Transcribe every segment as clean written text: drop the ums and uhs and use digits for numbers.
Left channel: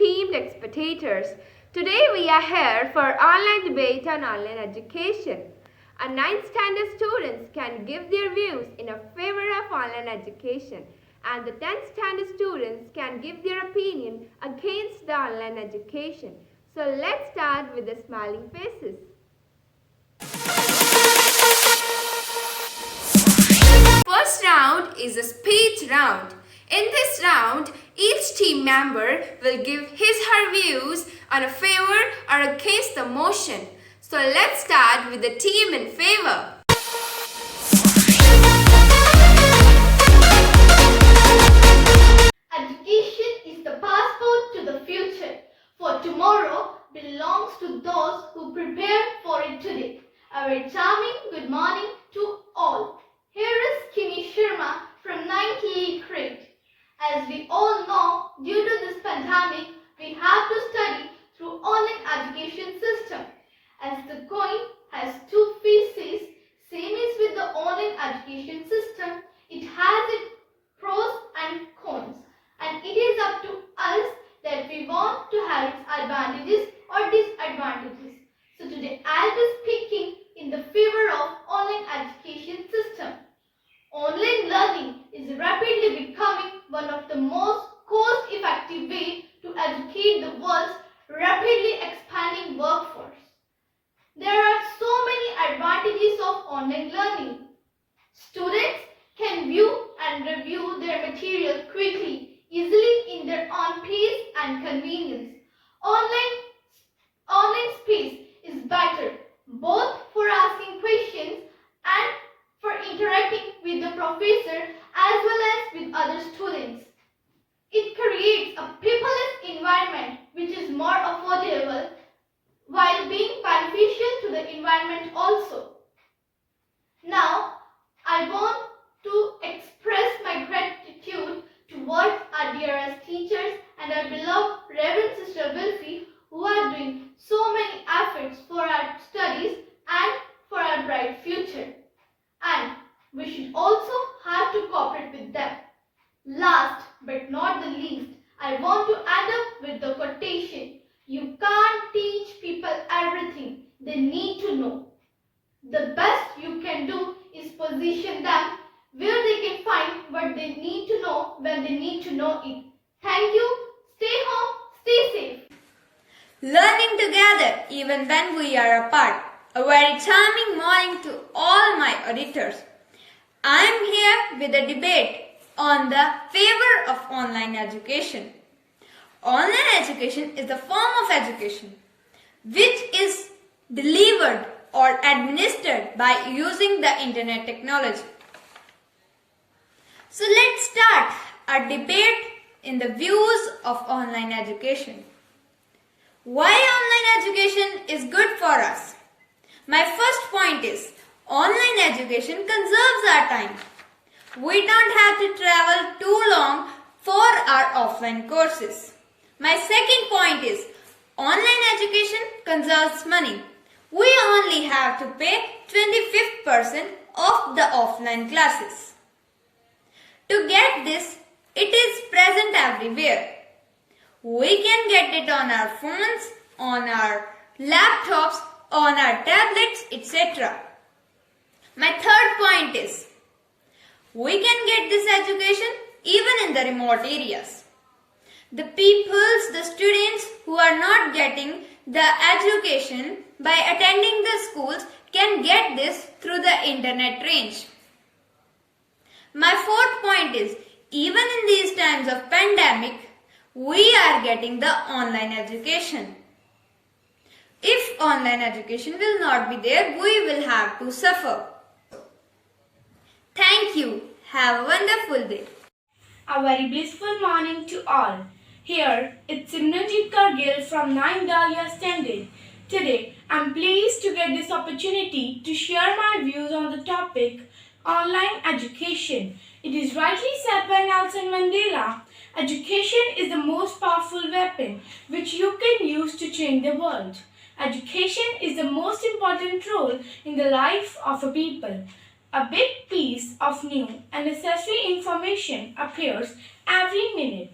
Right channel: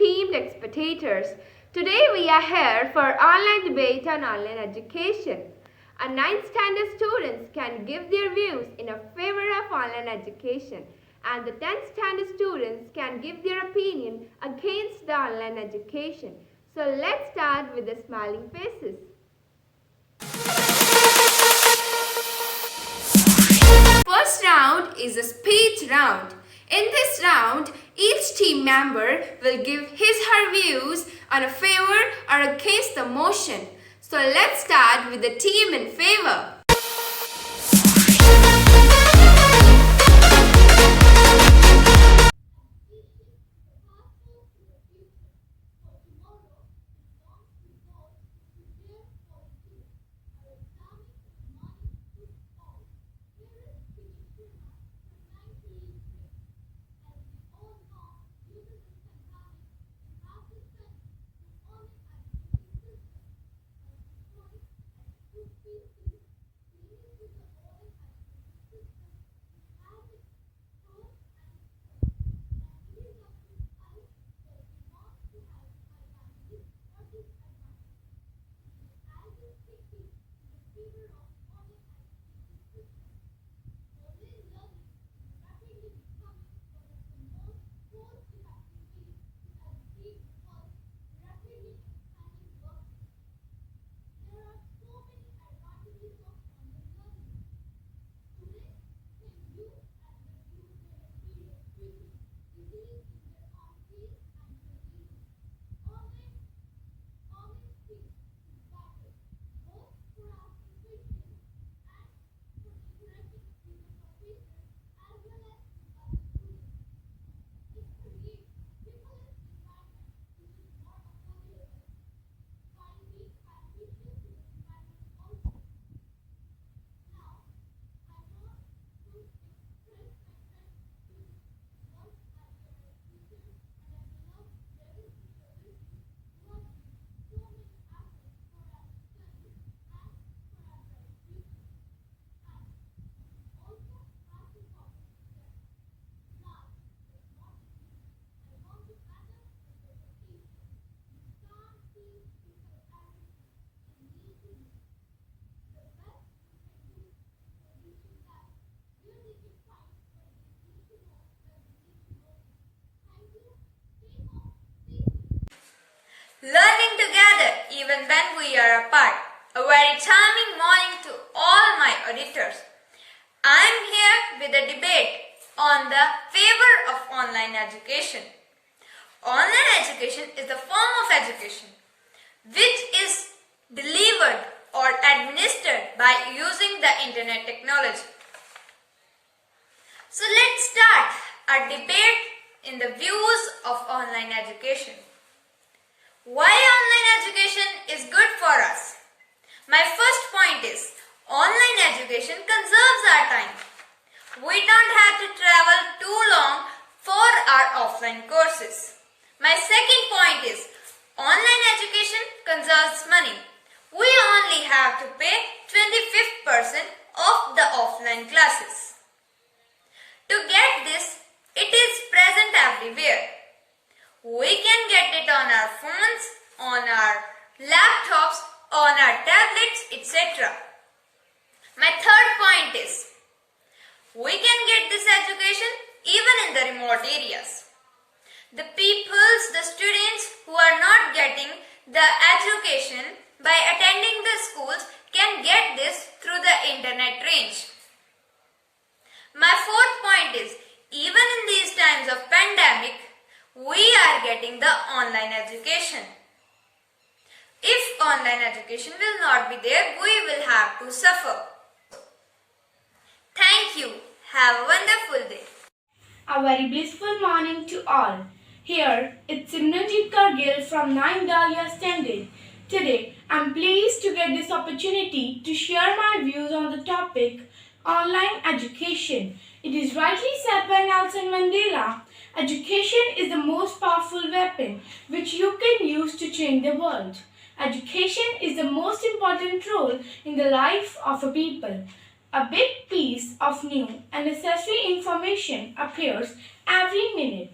esteemed spectators. Today we are here for online debate on online education. Our 9th standard students can give their views in favor of online education, and the 10th standard students can give their opinion against the online education. So let's start with the smiling faces. First round is a speech round. In this round, each team member will give his/her views on a favor or against the motion. So let's start with the team in favor. Education is the passport to the future, for tomorrow belongs to those who prepare for it today. A very charming good morning to all. Here is Kimi Sharma from 9th E grade. As we all know, due to this pandemic, we have to study through online education system. As the coin has two faces, same is with the online education system. It has its pros and cons, and it is up to us that we want to have its advantages or disadvantages. So today I'll be speaking in the favor of online education system. Online learning is rapidly becoming one of the most cost-effective ways to educate the world's rapidly expanding workforce. There are so many advantages of online learning. Students can view and review their material quickly, easily in their own pace and convenience. Online space is better both for asking questions and for interacting with the professor as well as with other students. It creates a paperless environment which is more affordable while being beneficial to the environment also. Now, I want to express my gratitude towards our dearest teachers and our beloved Reverend Sister Wilfie, who are doing so many efforts for our studies and for our bright future. And we should also have to cooperate with them. Last but not the least, I want to end up with the quotation: you can't teach people everything they need to know. The best you can do is position them where they can find what they need to know when they need to know it. Thank you. Stay home. Stay safe. Learning together even when we are apart. A very charming morning to all my auditors. I am here with a debate on the favor of online education. Online education is a form of education which is delivered or administered by using the internet technology. So let's start our debate in the views of online education. Why online education is good for us? My first point is, online education conserves our time. We don't have to travel too long for our offline courses. My second point is, online education conserves money. We only have to pay 25% of the offline classes. To get this, it is present everywhere. We can get it on our phones, on our laptops, on our tablets, etc. My third point is, we can get this education even in the remote areas. The students who are not getting the education by attending the schools can get this through the internet range. My fourth point is, even in these times of pandemic, we are getting the online education. If online education will not be there, we will have to suffer. Thank you. Have a wonderful day. A very blissful morning to all. Here, it's Simranjit Kargil from 9 Dahlia Standard. Today, I'm pleased to get this opportunity to share my views on the topic online education. It is rightly said by Nelson Mandela, education is the most powerful weapon which you can use to change the world. Education is the most important role in the life of a people. A big piece of new and necessary information appears every minute.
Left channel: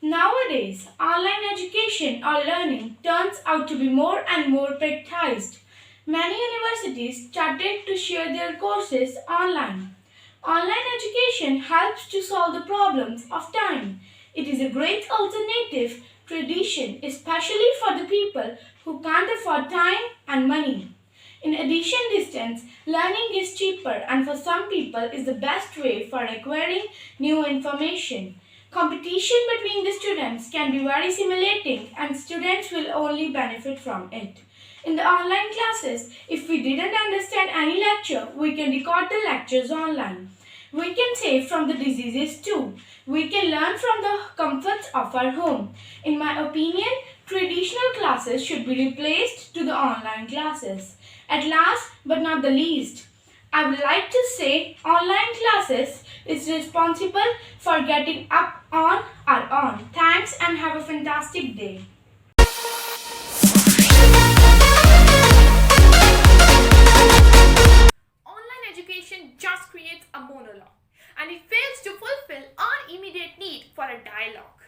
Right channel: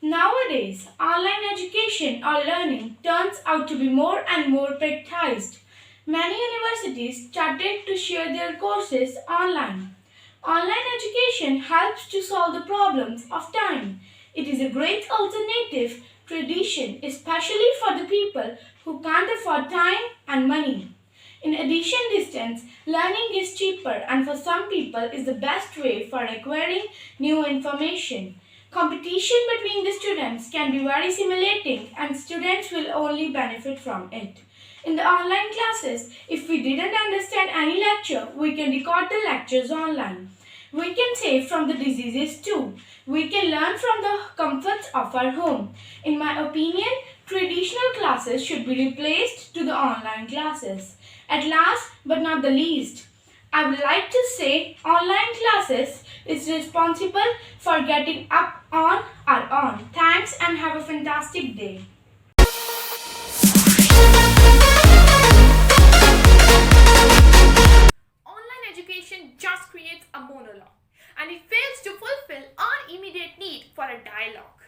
Nowadays, online education or learning turns out to be more and more practiced. Many universities started to share their courses online. Online education helps to solve the problems of time. It is a great alternative tradition, especially for the people who can't afford time and money. In addition, distance learning is cheaper and for some people is the best way for acquiring new information. Competition between the students can be very stimulating and students will only benefit from it. In the online classes, if we didn't understand any lecture, we can record the lectures online. We can save from the diseases too. We can learn from the comforts of our home. In my opinion, traditional classes should be replaced to the online classes. At last but not the least, I would like to say online classes is responsible for getting up on our own. Thanks and have a fantastic day. Online education just creates a monologue and it fails to fulfill our immediate need for a dialogue.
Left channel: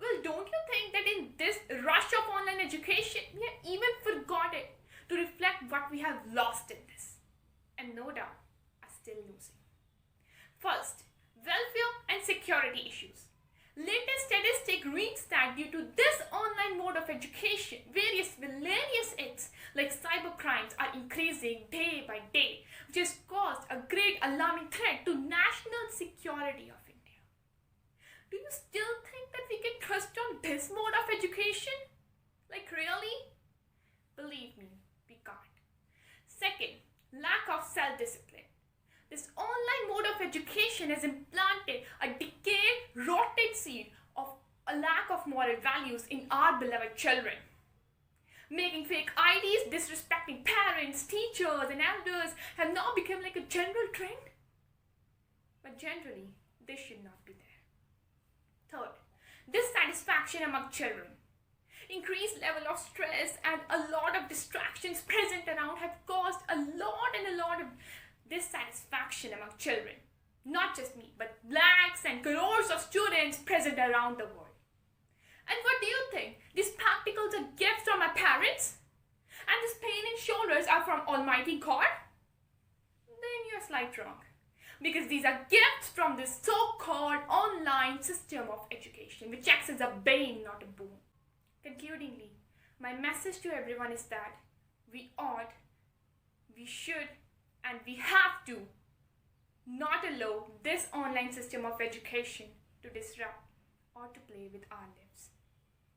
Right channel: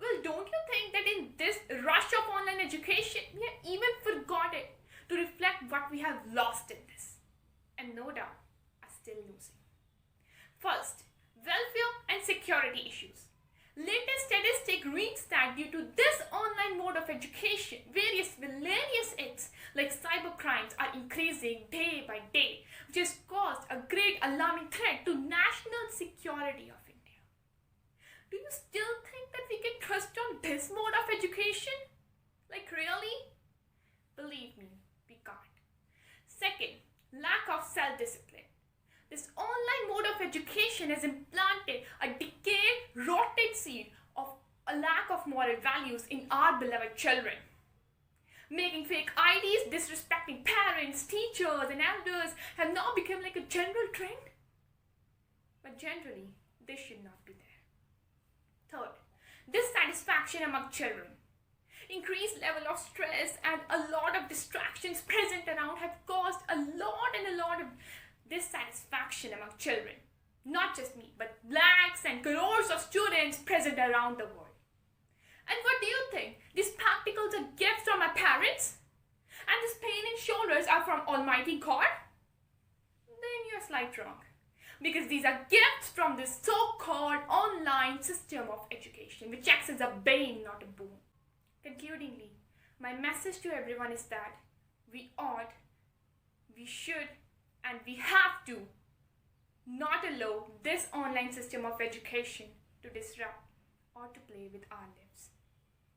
Well, don't you think that in this rush of online education, we have even forgotten to reflect what we have lost in this? And no doubt are still losing. First, welfare and security issues. Latest statistic reads that due to this online mode of education, various villainous acts like cybercrimes are increasing day by day, which has caused a great alarming threat to national security of India. Do you still think that we can trust on this mode of education? Like really? Believe me, we can't. Second, lack of self-discipline. This online mode of education has implanted a decayed, rotted seed of a lack of moral values in our beloved children. Making fake IDs, disrespecting parents, teachers and elders have now become like a general trend. But generally, this should not be there. Third, dissatisfaction among children. Increased level of stress and a lot of distractions present around have caused a lot of dissatisfaction among children. Not just me, but lakhs and crores of students present around the world. And what do you think? These spectacles are gifts from our parents? And this pain in shoulders are from Almighty God? Then you're slightly wrong. Because these are gifts from this so-called online system of education, which acts as a bane, not a boon. Concludingly, my message to everyone is that we ought, we should, and we have to not allow this online system of education to disrupt or to play with our lives.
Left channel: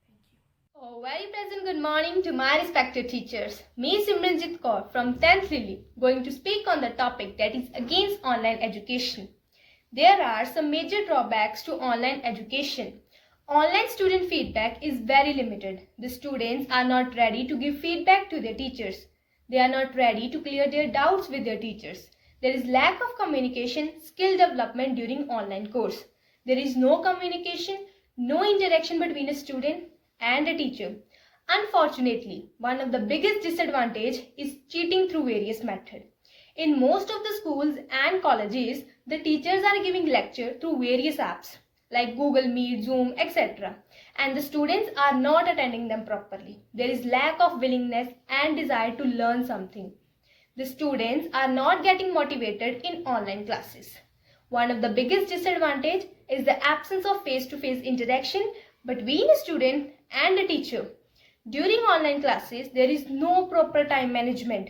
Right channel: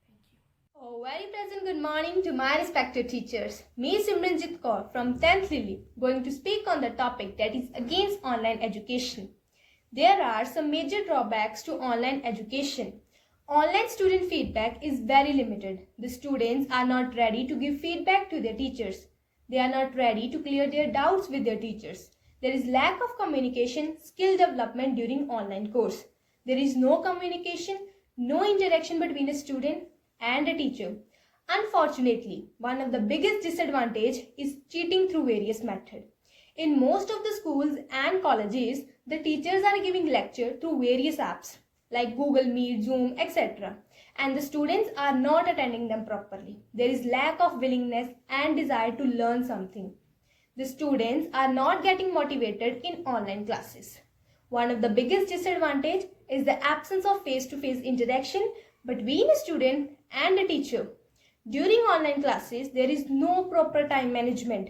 Thank you. Oh, very pleasant good morning to my respected teachers. Me Simranjit Kaur from 10th Lily going to speak on the topic that is against online education. There are some major drawbacks to online education. Online student feedback is very limited. The students are not ready to give feedback to their teachers. They are not ready to clear their doubts with their teachers. There is lack of communication, skill development during online course. There is no communication, no interaction between a student and a teacher. Unfortunately, one of the biggest disadvantages is cheating through various methods. In most of the schools and colleges, the teachers are giving lecture through various apps like Google Meet, Zoom, etc. And the students are not attending them properly. There is lack of willingness and desire to learn something. The students are not getting motivated in online classes. One of the biggest disadvantages is the absence of face-to-face interaction between a student and a teacher. During online classes, there is no proper time management.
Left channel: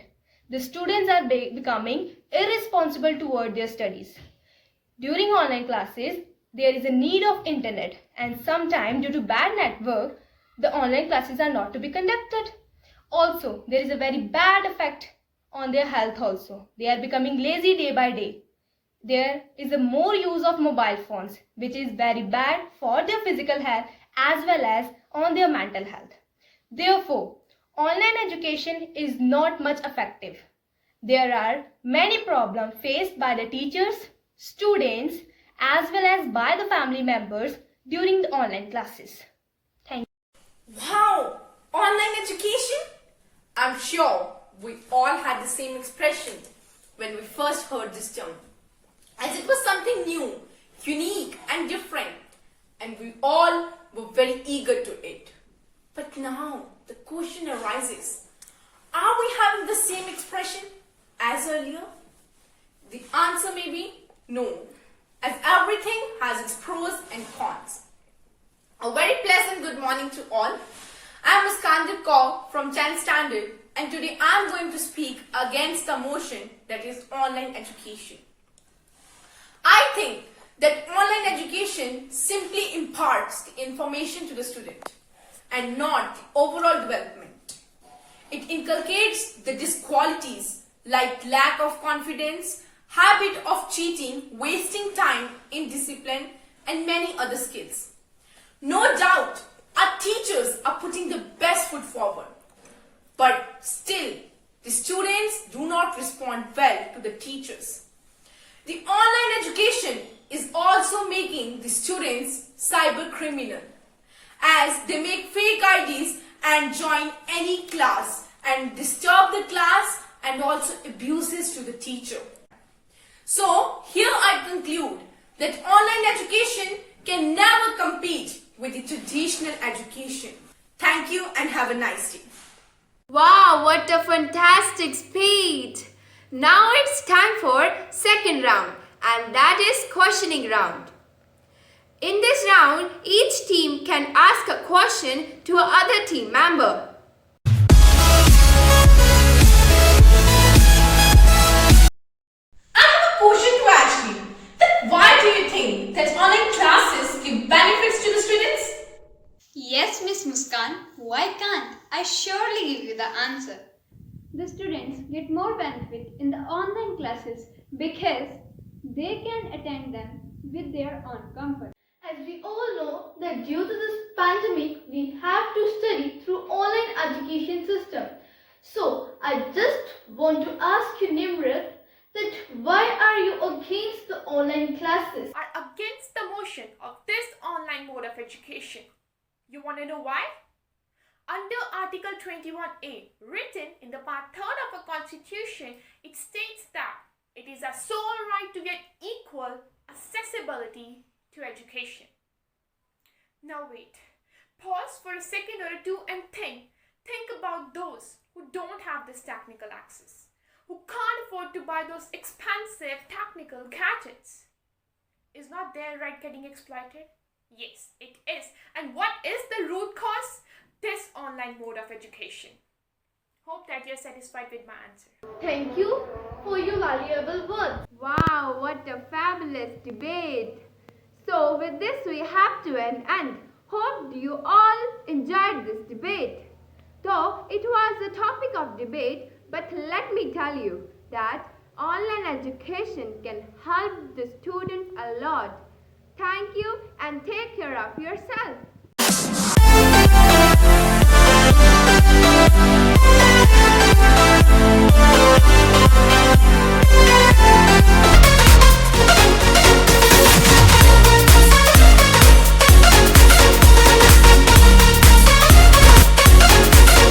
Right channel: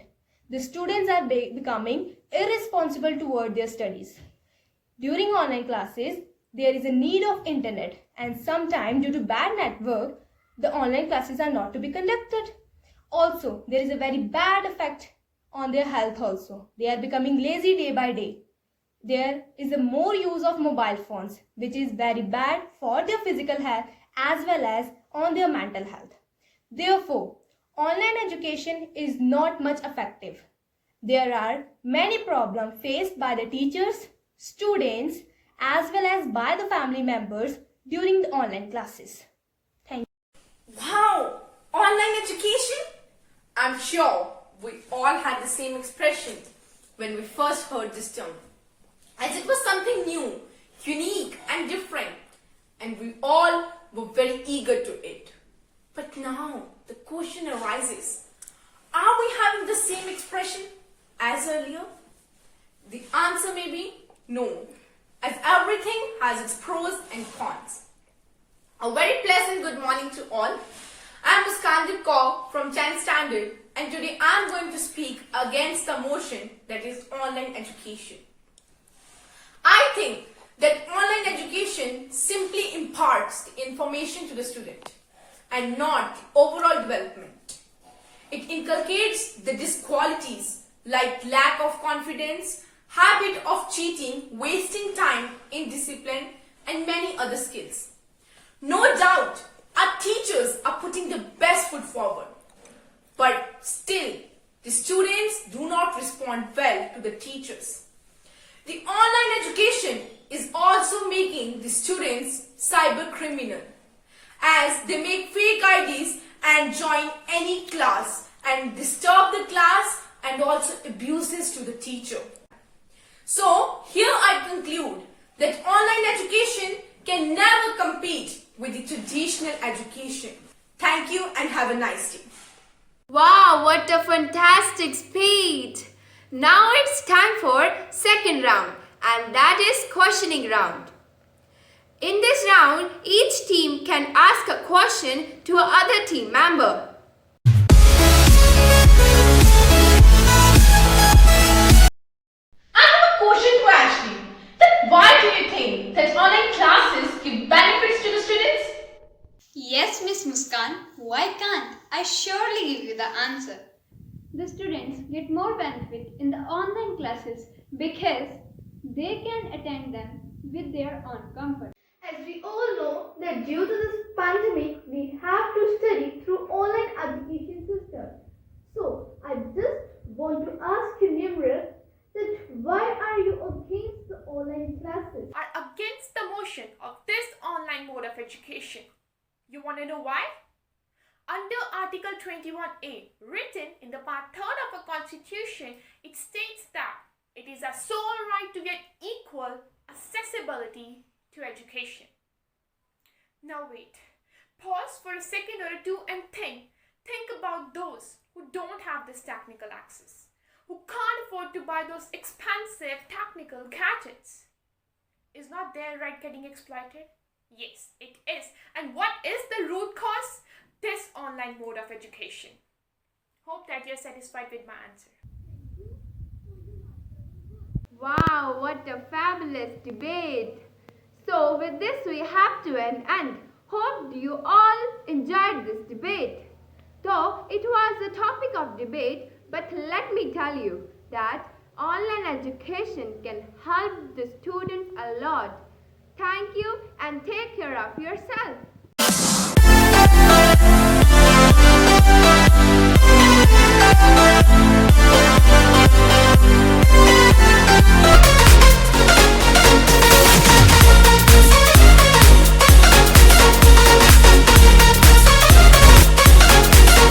The students are becoming irresponsible toward their studies. During online classes, there is a need of internet, and sometimes due to bad network, the online classes are not to be conducted. Also, there is a very bad effect on their health also. They are becoming lazy day by day. There is a more use of mobile phones, which is very bad for their physical health as well as on their mental health. Therefore, online education is not much effective. There are many problems faced by the teachers, students, as well as by the family members during the online classes. Thank you. Wow! Online education? I'm sure we all had the same expression when we first heard this term, as it was something new, unique and different. and we all were very eager to it. But now the question arises, are we having the same expression as earlier? The answer may be no, as everything has its pros and cons. A very pleasant good morning to all. I am Ms. Kanjit Kaur from 10th Standard, and today I am going to speak against the motion that is online education. I think that online education simply imparts the information to the student and not the overall development. It inculcates the disqualities like lack of confidence, habit of cheating, wasting time, indiscipline, and many other skills. No doubt, our teachers are putting the best foot forward, but still, the students do not respond well to the teachers. The online education is also making the students cyber criminal, as they make fake IDs and join any class and disturb the class and also abuses to the teacher. So, here I conclude that online education can never compete with the traditional education. Thank you and have a nice day. Wow, what a fantastic speech! Now it's time for second round, and that is questioning round. In this round, each team can ask a question to another team member. I have a question to ask you. That why do you think that online classes give benefits to the students? Yes, Miss Muskan, why can't I surely give you the answer? The students get more benefit in the online classes because they can attend them with their own comfort. As we all know that due to this pandemic, we have to study through online education system. So, I just want to ask you, Nimrat, that why are you against the online classes? Are against the motion of this online mode of education. You want to know why? Under Article 21A, written in the Part 3rd of the Constitution, it states that it is our sole right to get equal accessibility to education. Now wait, pause for a second or two and think about those who don't have this technical access, who can't afford to buy those expensive technical gadgets. Is not their right getting exploited? Yes, it is. And what is the root cause? This online mode of education. Hope that you're satisfied with my answer. Thank you for your valuable words. Wow, what a fabulous debate! So with this we have to an end. Hope you all enjoyed this debate. Though it was a topic of debate, but let me tell you that online education can help the students a lot. Thank you and take care of yourself.